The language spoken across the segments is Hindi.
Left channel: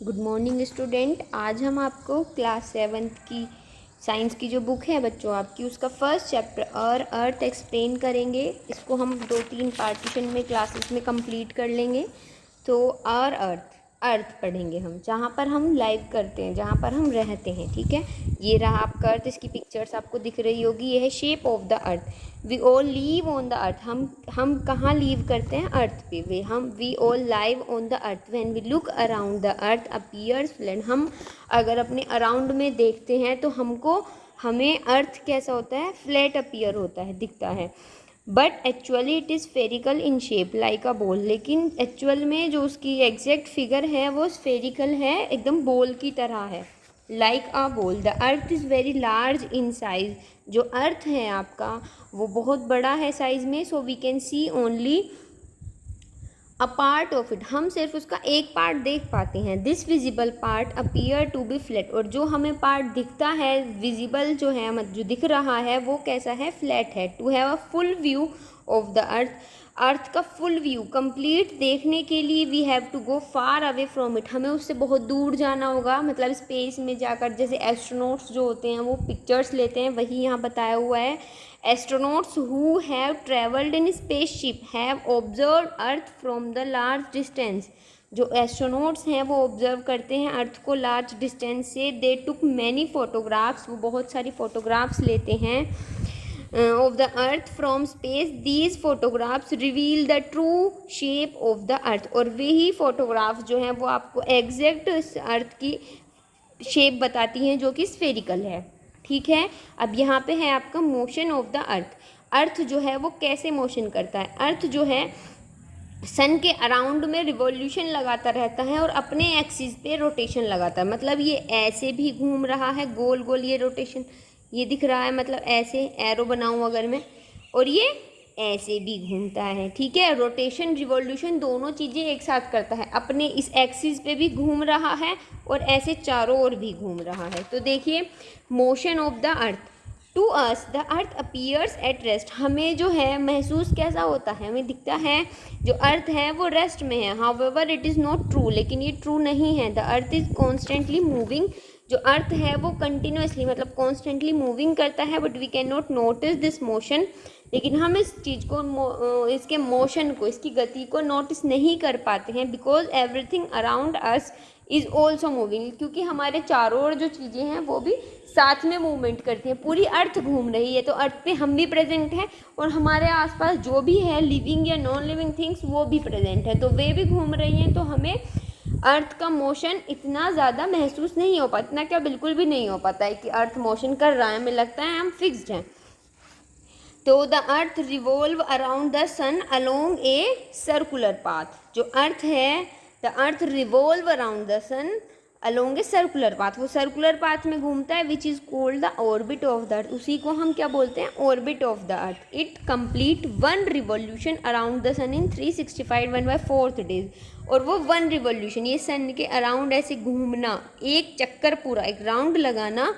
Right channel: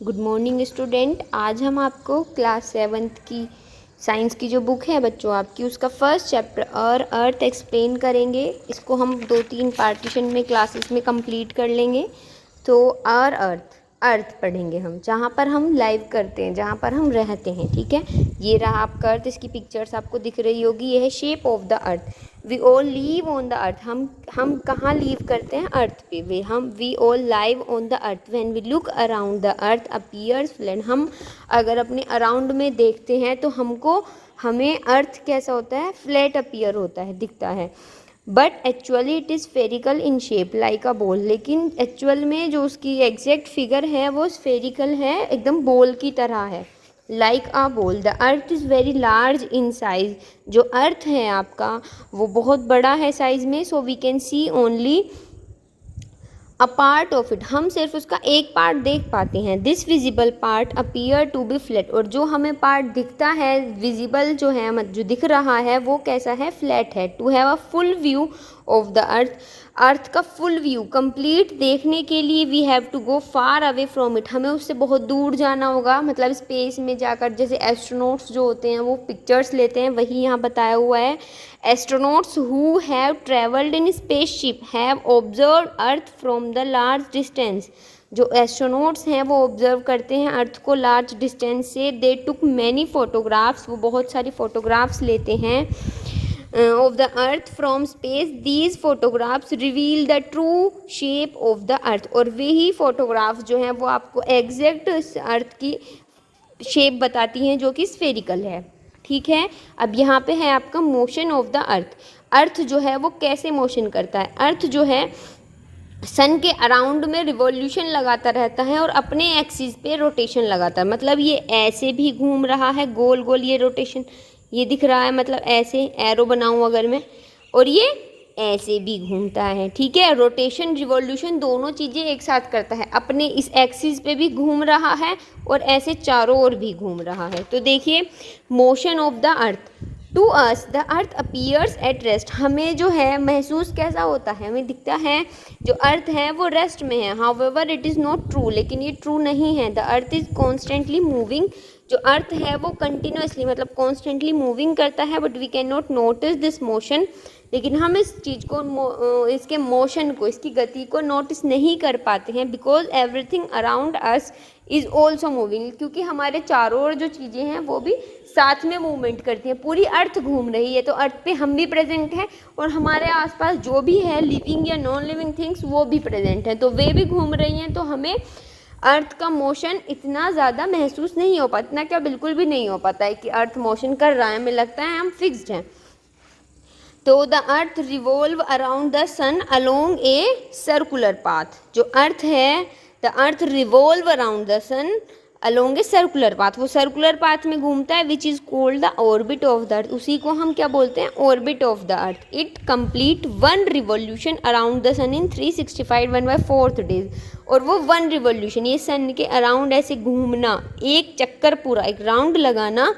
Good morning student. आज हम आपको क्लास 7th की साइंस की जो बुक है बच्चों आपकी, उसका फर्स्ट चैप्टर और अर्थ एक्सप्लेन करेंगे। इसको हम 2-3 पार्टीशन में क्लासेस में कंप्लीट कर लेंगे। तो और अर्थ पढ़ेंगे हम, जहाँ पर हम लाइव करते हैं, जहाँ पर हम रहते हैं। ठीक है, ये रहा आपका अर्थ। इसकी पिक्चर्स आपको दिख रही होगी। ये है shape of the earth. We all live on the earth. हम कहाँ लीव करते हैं? अर्थ पे। We all live on the earth. When we look around the earth appears flat. हम अगर अपने अराउंड में देखते हैं तो हमें अर्थ कैसा होता है? फ्लैट अपीयर होता है, दिखता है। But actually it is spherical in shape like a ball. लेकिन एक्चुअल में जो उसकी एग्जैक्ट फिगर है वो स्फेरिकल है, एकदम बॉल की तरह है, like a ball. The earth is very large in size. जो अर्थ है आपका वो बहुत बड़ा है साइज में। So we can see only a part of it. हम सिर्फ उसका एक पार्ट देख पाते हैं। This visible part appear to be flat. और जो हमें पार्ट दिखता है, विजिबल जो है, जो दिख रहा है, वो कैसा है? फ्लैट है। To have a full view of the earth. Earth का फुल व्यू कंप्लीट देखने के लिए we have to go far away from it. हमें उससे बहुत दूर जाना होगा, मतलब स्पेस में जाकर। जैसे एस्ट्रोनॉट्स जो होते हैं वो पिक्चर्स लेते हैं, वही यहाँ बताया हुआ है। Astronauts who have traveled in spaceship have observed Earth from the large distance. जो एस्ट्रोनॉट्स हैं वो ऑब्जर्व करते हैं अर्थ को लार्ज डिस्टेंस से। दे टुक मैनी फोटोग्राफ्स। वो बहुत सारी फोटोग्राफ्स लेते हैं of the earth from space. These photographs reveal the true shape of the earth. और वही फोटोग्राफ्स जो हैं वो आपको एग्जैक्ट अर्थ की शेप बताती हैं, जो कि स्फेरिकल है। ठीक है, अब यहाँ पे है आपका मोशन ऑफ द अर्थ। अर्थ जो है वो कैसे मोशन करता है? अर्थ जो है सन के अराउंड में रिवॉल्यूशन लगाता रहता है और अपने एक्सिस पे रोटेशन लगाता है। मतलब ये ऐसे भी घूम रहा है, गोल गोल ये रोटेशन ये दिख रहा है, मतलब ऐसे एरो बनाऊं अगर मैं, और ये ऐसे भी घूमता है। ठीक है, रोटेशन रिवॉल्यूशन दोनों चीज़ें एक साथ करता है। अपने इस एक्सिस पे भी घूम रहा है और ऐसे चारों ओर भी घूम रहा है। तो देखिए, motion of the earth. To us the earth appears at rest. हमें जो है महसूस कैसा होता है? हमें दिखता है जो अर्थ है वो रेस्ट में है। However it is not true. लेकिन ये ट्रू नहीं है। The earth is constantly moving. जो अर्थ है वो कंटिन्यूसली, मतलब कॉन्स्टेंटली मूविंग करता है। But we can not notice this motion. लेकिन हम इस चीज़ को, इसके मोशन को, इसकी गति को नोटिस नहीं कर पाते हैं। Because everything around us is also moving. क्योंकि हमारे चारों ओर जो चीज़ें हैं वो भी साथ में मूवमेंट करती हैं। पूरी अर्थ घूम रही है, तो अर्थ पे हम भी प्रेजेंट हैं और हमारे आसपास जो भी है लिविंग या नॉन लिविंग थिंग्स वो भी प्रेजेंट है, तो वे भी घूम रही हैं। तो हमें अर्थ का मोशन इतना ज़्यादा महसूस नहीं हो पाता, इतना क्या बिल्कुल भी नहीं हो पाता है कि अर्थ मोशन कर रहा है। हमें लगता है हम फिक्स्ड हैं। तो the earth revolve around the sun along a circular path. जो अर्थ है, the earth revolve around the sun along a circular path. वो सर्कुलर पाथ में घूमता है, which is called the orbit of the earth. उसी को हम क्या बोलते हैं? Orbit of the earth. It complete one revolution around the sun in 365 1/4 days. और वो वन रिवॉल्यूशन, ये सन के अराउंड ऐसे घूमना, एक चक्कर पूरा, एक राउंड लगाना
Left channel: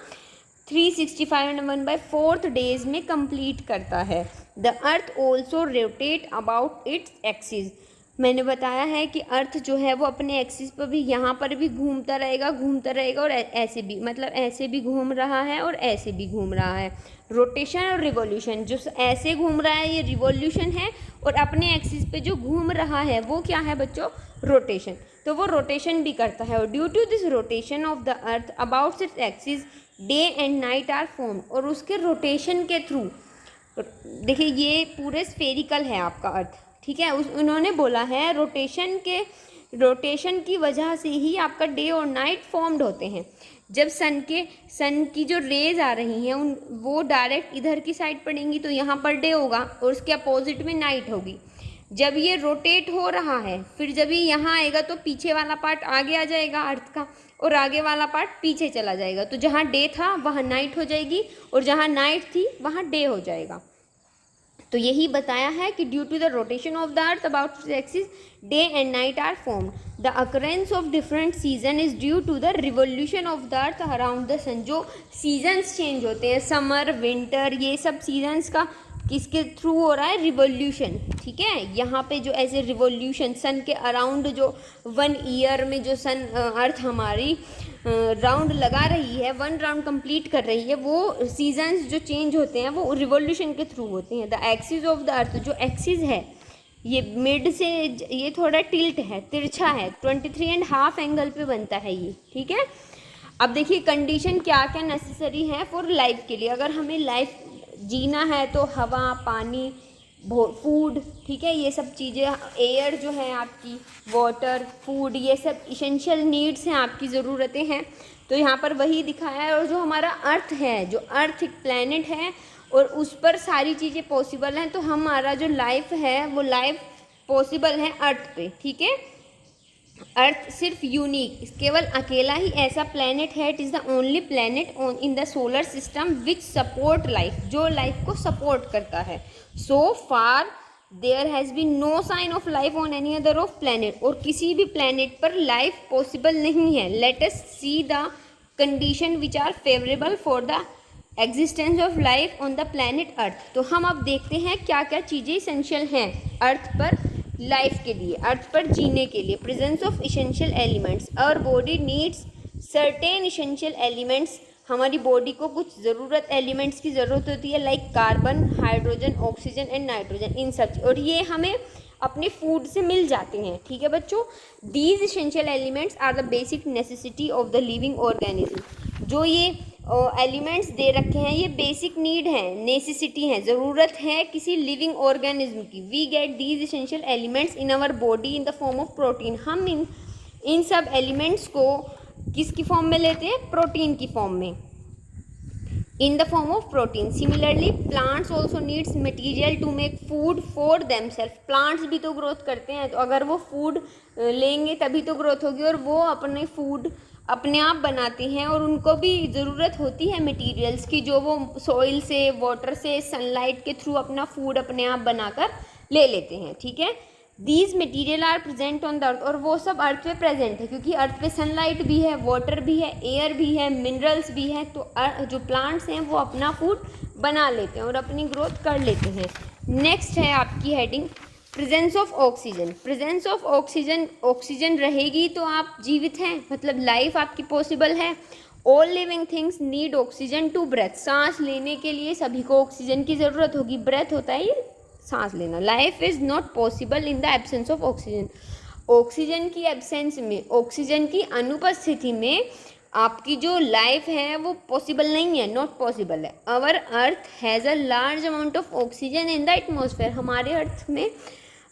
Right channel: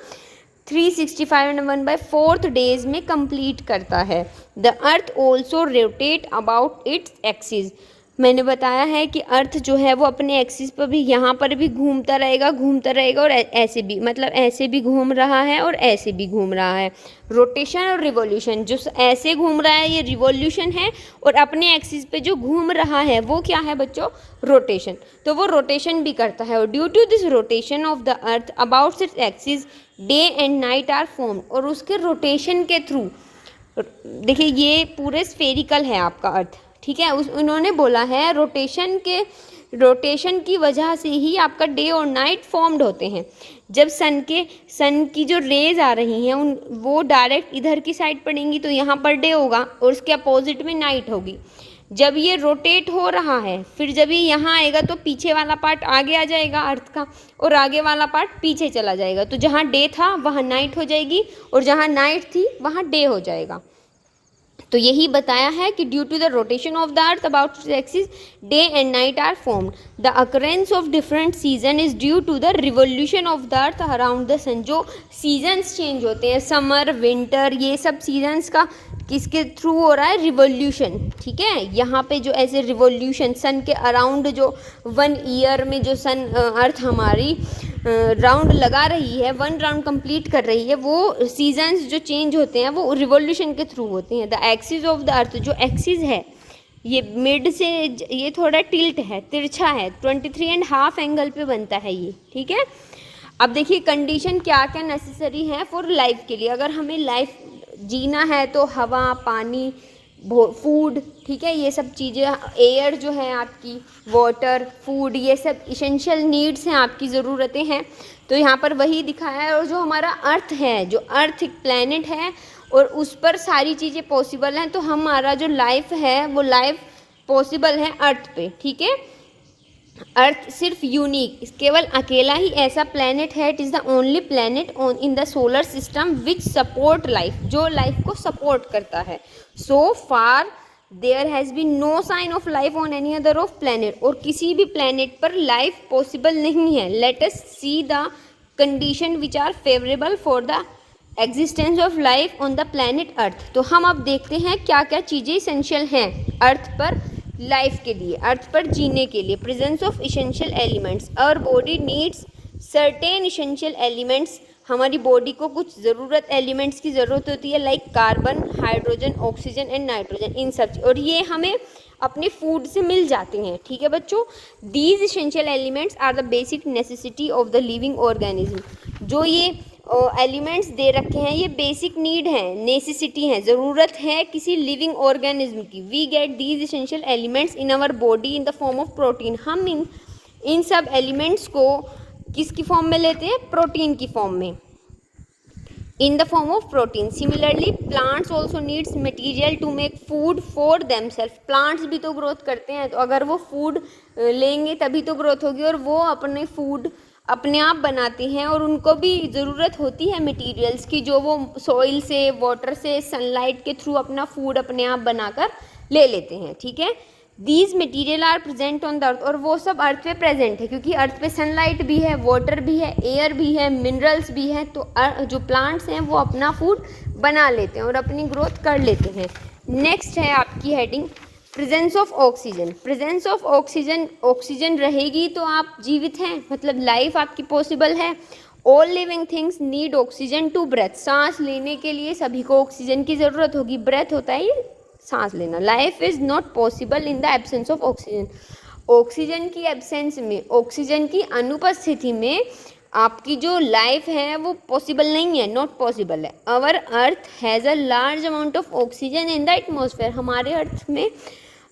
365 1/4 डेज में कंप्लीट करता है। The earth also rotate about its axis. मैंने बताया है कि अर्थ जो है वो अपने एक्सिस पर भी, यहाँ पर भी घूमता रहेगा और ऐसे भी, मतलब ऐसे भी घूम रहा है और ऐसे भी घूम रहा है। रोटेशन और रिवॉल्यूशन, जो ऐसे घूम रहा है ये रिवॉल्यूशन है, और अपने एक्सिस पे जो घूम रहा है वो क्या है बच्चों? रोटेशन। तो वो रोटेशन भी करता है। और due to this rotation of the earth about its axis day and night are formed. और उसके रोटेशन के थ्रू, देखिए ये पूरे स्फेरिकल है आपका अर्थ। ठीक है, उन्होंने बोला है रोटेशन की वजह से ही आपका डे और नाइट फॉर्म्ड होते हैं। जब सन की जो रेज आ रही हैं वो डायरेक्ट इधर की साइड पड़ेंगी तो यहाँ पर डे होगा और उसके अपोजिट में नाइट होगी। जब ये रोटेट हो रहा है, फिर जब ये यहाँ आएगा तो पीछे वाला पार्ट आगे आ जाएगा अर्थ का, और आगे वाला पार्ट पीछे चला जाएगा। तो जहाँ डे था वहाँ नाइट हो जाएगी, और जहाँ नाइट थी वहाँ डे हो जाएगा। तो यही बताया है कि due to the rotation of the earth about its axis day and night are formed. The occurrence of different season is due to the revolution of the earth around the sun. जो सीजन्स चेंज होते हैं, समर विंटर, ये सब सीजन्स का किसके थ्रू हो रहा है, रिवॉल्यूशन, ठीक है। यहाँ पे जो ऐसे रिवॉल्यूशन सन के अराउंड जो 1 ईयर में जो सन अर्थ हमारी राउंड लगा रही है, 1 राउंड कंप्लीट कर रही है, वो सीजन्स जो चेंज होते हैं वो रिवॉल्यूशन के थ्रू होते हैं। द एक्सिस ऑफ द अर्थ, जो एक्सिस है ये मिड से ये थोड़ा टिल्ट है, तिरछा है, 23.5 एंगल पे बनता है ये, ठीक है। अब देखिए कंडीशन क्या क्या नेसेसरी है फॉर लाइफ के लिए। अगर हमें लाइफ जीना है तो हवा, पानी, फूड, ठीक है, ये सब चीज़ें, एयर जो है आपकी, वाटर, फूड, ये सब इसेंशियल नीड्स हैं, आपकी ज़रूरतें हैं। तो यहाँ पर वही दिखाया है। और जो हमारा अर्थ है, जो अर्थ एक प्लैनेट है और उस पर सारी चीज़ें पॉसिबल हैं, तो हमारा जो लाइफ है वो लाइफ पॉसिबल है अर्थ पे, ठीक है। अर्थ सिर्फ यूनिक, केवल अकेला ही ऐसा प्लैनेट है, it is the only planet in the solar system which support life, जो लाइफ को सपोर्ट करता है। So far there has been no sign of life on any other of planet, और किसी भी प्लैनेट पर लाइफ पॉसिबल नहीं है। Let us see the condition which are favourable for the existence of life on the planet earth. तो हम अब देखते हैं क्या क्या चीज़ें इसेंशियल हैं अर्थ पर लाइफ के लिए, अर्थ पर जीने के लिए। Presence of essential elements, our body needs certain essential elements, हमारी बॉडी को कुछ ज़रूरत एलिमेंट्स की ज़रूरत होती है, like carbon, hydrogen, oxygen and nitrogen, इन सब, और ये हमें अपने फूड से मिल जाते हैं, ठीक है बच्चों। These essential elements are the basic necessity of the living organism. जो ये एलिमेंट्स दे रखे हैं ये बेसिक नीड है, नेसेसिटी है, ज़रूरत है किसी लिविंग ऑर्गेनिज्म की। We get these essential elements in our body in the form of protein. हम इन सब एलिमेंट्स को किसकी फॉर्म में लेते हैं, प्रोटीन की फॉर्म में, in the form of protein. Similarly plants also needs material to make food for themselves. प्लांट्स भी तो ग्रोथ करते हैं, तो अगर वो फूड लेंगे तभी तो ग्रोथ होगी, और वो अपने फूड अपने आप बनाते हैं, और उनको भी ज़रूरत होती है मटेरियल्स की, जो वो सॉइल से, वाटर से, सनलाइट के थ्रू अपना फूड अपने आप बनाकर ले लेते हैं, ठीक है। These material are present on the earth, और वो सब अर्थ पे प्रेजेंट है, क्योंकि अर्थ पे सनलाइट भी है, वाटर भी है, एयर भी है, मिनरल्स भी हैं, तो जो प्लांट्स हैं वो अपना फूड बना लेते हैं और अपनी ग्रोथ कर लेते हैं। नेक्स्ट है आपकी heading presence of oxygen. Presence of oxygen, oxygen रहेगी तो आप जीवित हैं, मतलब लाइफ आपकी पॉसिबल है। All living things need oxygen to breathe. सांस लेने के लिए सभी को ऑक्सीजन की ज़रूरत होगी। ब्रेथ होता है ये सांस लेना। Life is not possible in the absence of oxygen. Oxygen की एब्सेंस में, ऑक्सीजन की अनुपस्थिति में आपकी जो लाइफ है वो पॉसिबल नहीं है, नॉट पॉसिबल है। Our earth has a large amount of oxygen in the atmosphere. हमारे अर्थ में,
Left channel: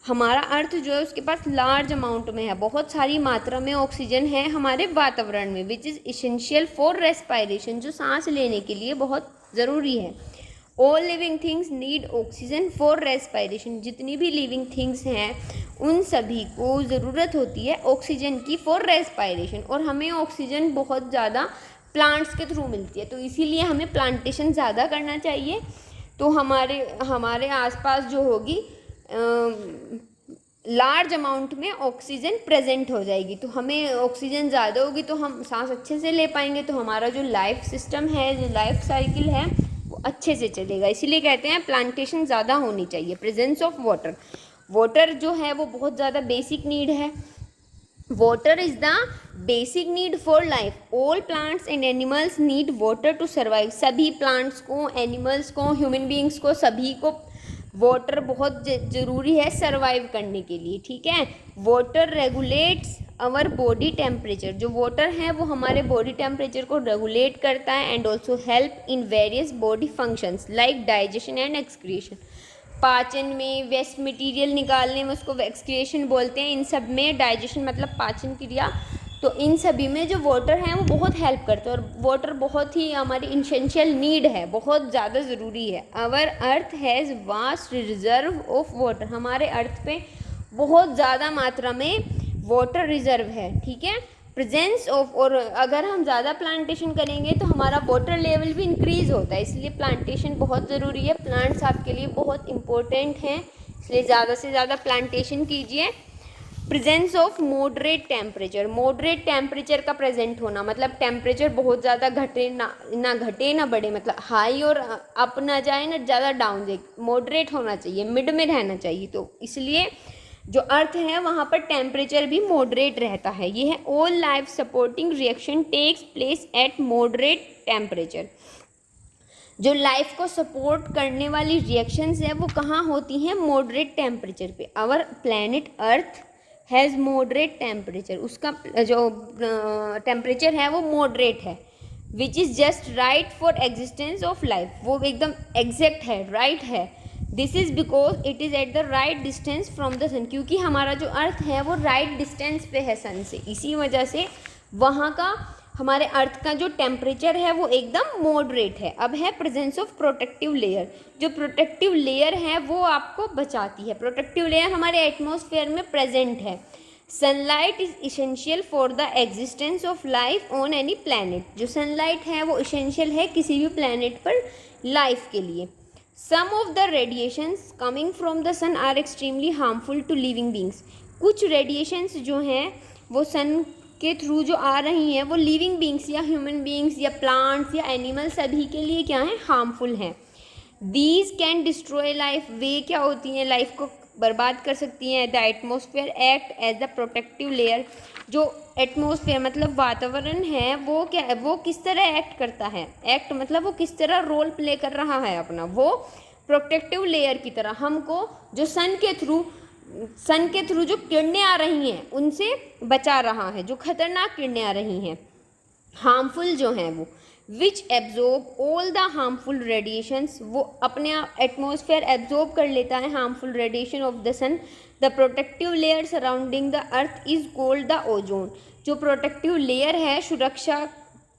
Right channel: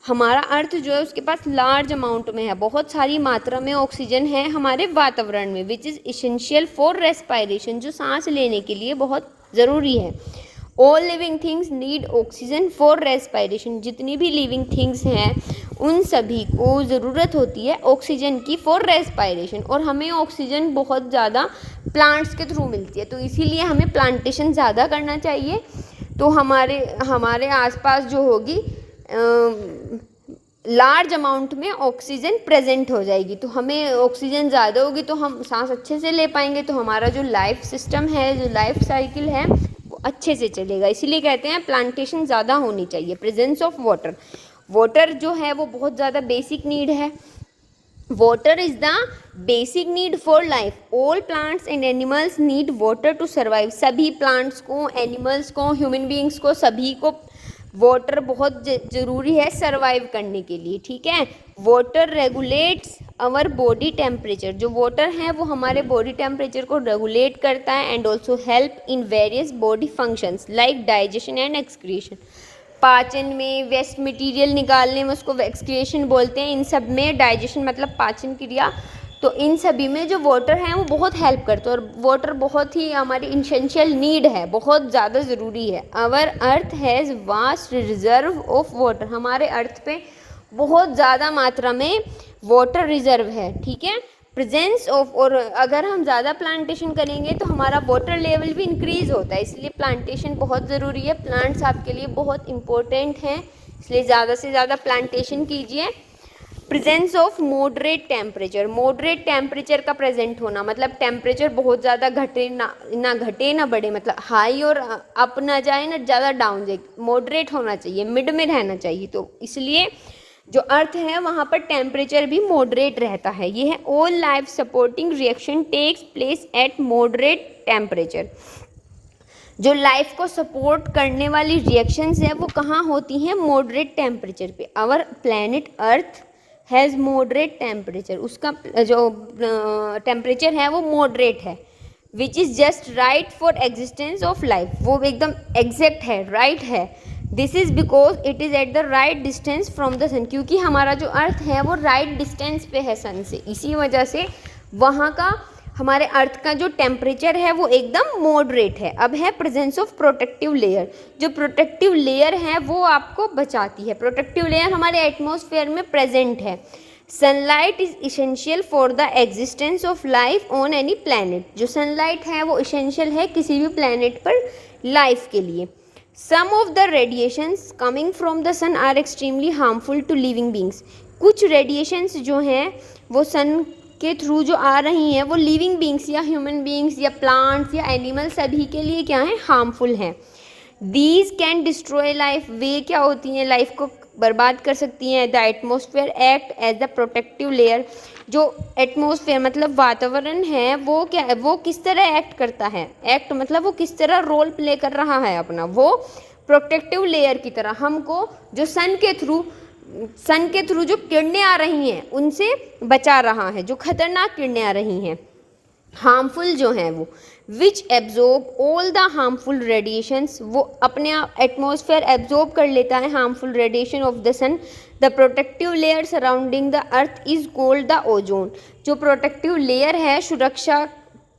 हमारा अर्थ जो है उसके पास लार्ज अमाउंट में है, बहुत सारी मात्रा में ऑक्सीजन है हमारे वातावरण में, which is essential for respiration, जो सांस लेने के लिए बहुत ज़रूरी है। All living things need oxygen for respiration. जितनी भी लिविंग थिंग्स हैं उन सभी को ज़रूरत होती है ऑक्सीजन की फॉर रेस्पायरेशन, और हमें ऑक्सीजन बहुत ज़्यादा प्लांट्स के थ्रू मिलती है, तो इसीलिए हमें प्लांटेशन ज़्यादा करना चाहिए। तो हमारे आसपास जो होगी लार्ज अमाउंट में ऑक्सीजन प्रेजेंट हो जाएगी, तो हमें ऑक्सीजन ज़्यादा होगी तो हम सांस अच्छे से ले पाएंगे, तो हमारा जो लाइफ सिस्टम है, जो लाइफ साइकिल है वो अच्छे से चलेगा। इसीलिए कहते हैं प्लांटेशन ज़्यादा होनी चाहिए। प्रेजेंस ऑफ वाटर, वाटर जो है वो बहुत ज़्यादा बेसिक नीड है। Water is the basic need for life. All plants and animals need water to survive. सभी प्लांट्स को, एनिमल्स को, ह्यूमन बीइंग्स को, सभी को वाटर बहुत ज़रूरी है सर्वाइव करने के लिए, ठीक है। Water regulates our body temperature. जो वाटर है वो हमारे बॉडी टेम्परेचर को रेगुलेट करता है, and also help in various body functions like digestion and excretion. पाचन में, वेस्ट मटेरियल निकालने में उसको एक्सक्रीशन बोलते हैं। इन सब में, डाइजेशन मतलब पाचन क्रिया, तो इन सभी में जो वाटर है वो बहुत हेल्प करता है, और वाटर बहुत ही हमारी इसेंशियल नीड है, बहुत ज़्यादा ज़रूरी है। Our earth has vast reserve of water. हमारे अर्थ पे बहुत ज़्यादा मात्रा में वाटर रिजर्व है, ठीक है। प्रेजेंस ऑफ, और अगर हम ज़्यादा प्लांटेशन करेंगे तो हमारा वाटर लेवल भी इंक्रीज़ होता है, इसलिए प्लांटेशन बहुत ज़रूरी है। प्लांट्स आपके लिए बहुत इम्पोर्टेंट हैं, इसलिए ज़्यादा से ज़्यादा प्लांटेशन कीजिए। Presence of moderate temperature, moderate temperature का प्रेजेंट होना, मतलब टेम्परेचर बहुत ज़्यादा घटे ना बढ़े, मतलब हाई और अप ना जाए ना ज़्यादा डाउन जाए, मॉडरेट होना चाहिए, मिड में रहना चाहिए। तो इसलिए जो अर्थ है वहाँ पर टेम्परेचर भी मॉडरेट रहता है। ये है all life supporting reaction takes place at moderate temperature. जो लाइफ को सपोर्ट करने वाली रिएक्शंस है वो कहाँ होती हैं? मॉडरेट टेम्परेचर पे। Our planet earth has moderate temperature, उसका जो टेम्परेचर है वो मॉडरेट है, which is just right for existence of life, वो एकदम एग्जैक्ट है, राइट है। This is because it is at the right distance from the sun, क्योंकि हमारा जो अर्थ है वो राइट डिस्टेंस पे है सन से, इसी वजह से वहाँ का हमारे अर्थ का जो टेम्परेचर है वो एकदम मॉडरेट है। अब है प्रेजेंस ऑफ प्रोटेक्टिव लेयर, जो प्रोटेक्टिव लेयर है वो आपको बचाती है। प्रोटेक्टिव लेयर हमारे एटमॉस्फेयर में प्रेजेंट है। Sunlight is essential for the existence of life on any planet, जो सनलाइट है वो इसेंशियल है किसी भी प्लैनेट पर लाइफ के लिए। Some of the radiations coming from the sun are extremely harmful to living beings, कुछ रेडिएशंस जो हैं वो सन के थ्रू जो आ रही हैं वो लिविंग बींग्स या ह्यूमन बींग्स या प्लांट्स या एनिमल्स सभी के लिए क्या है? हार्मफुल हैं। दीज कैन डिस्ट्रॉय लाइफ, वे क्या होती हैं? लाइफ को बर्बाद कर सकती हैं। The atmosphere act as the protective layer, जो एटमॉस्फेयर मतलब वातावरण है वो क्या है? वो किस तरह एक्ट करता है? एक्ट मतलब वो किस तरह रोल प्ले कर रहा है अपना, वो प्रोटेक्टिव लेयर की तरह हमको जो सन के थ्रू जो किरणें आ रही हैं उनसे बचा रहा है, जो खतरनाक किरणें आ रही हैं, हार्मफुल जो हैं वो, which absorb all the harmful radiations, वो अपने एटमॉस्फेयर एब्जॉर्ब कर लेता है harmful radiation of the sun. The protective layer surrounding the earth is called the ozone, जो प्रोटेक्टिव लेयर है, सुरक्षा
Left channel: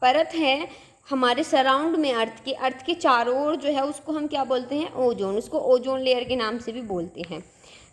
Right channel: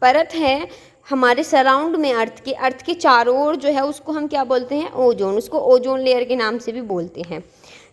परत है हमारे सराउंड में, अर्थ के चारों ओर जो है उसको हम क्या बोलते हैं? ओजोन, उसको ओजोन लेयर के नाम से भी बोलते हैं।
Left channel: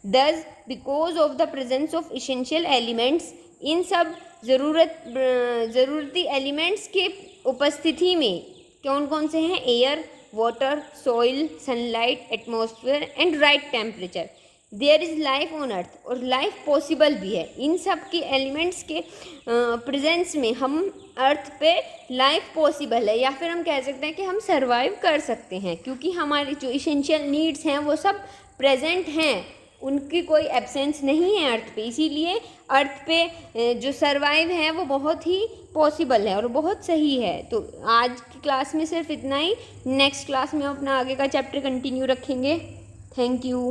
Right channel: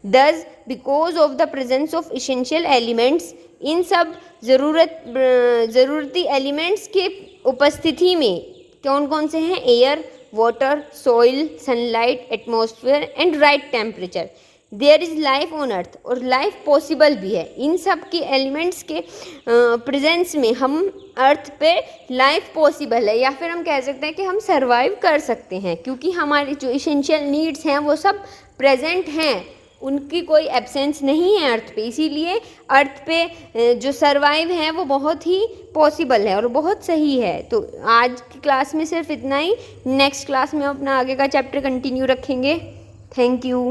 Thus, because of the presence of essential elements, इन सब ज़रूरती एलिमेंट्स के उपस्थिति में कौन कौन से हैं? Air, water, soil, sunlight, atmosphere and right temperature, there is life on earth, और लाइफ पॉसिबल भी है। इन सब के एलिमेंट्स के प्रेजेंस में हम अर्थ पे लाइफ पॉसिबल है, या फिर हम कह सकते हैं कि हम सर्वाइव कर सकते हैं, क्योंकि हमारी जो इसेंशियल नीड्स हैं वो सब प्रेजेंट हैं, उनकी कोई एब्सेंस नहीं है अर्थ पे। इसीलिए अर्थ पे जो सर्वाइव है वो बहुत ही पॉसिबल है और बहुत सही है। तो आज की क्लास में सिर्फ इतना ही, नेक्स्ट क्लास में अपना आगे का चैप्टर कंटिन्यू रखेंगे। Thank you.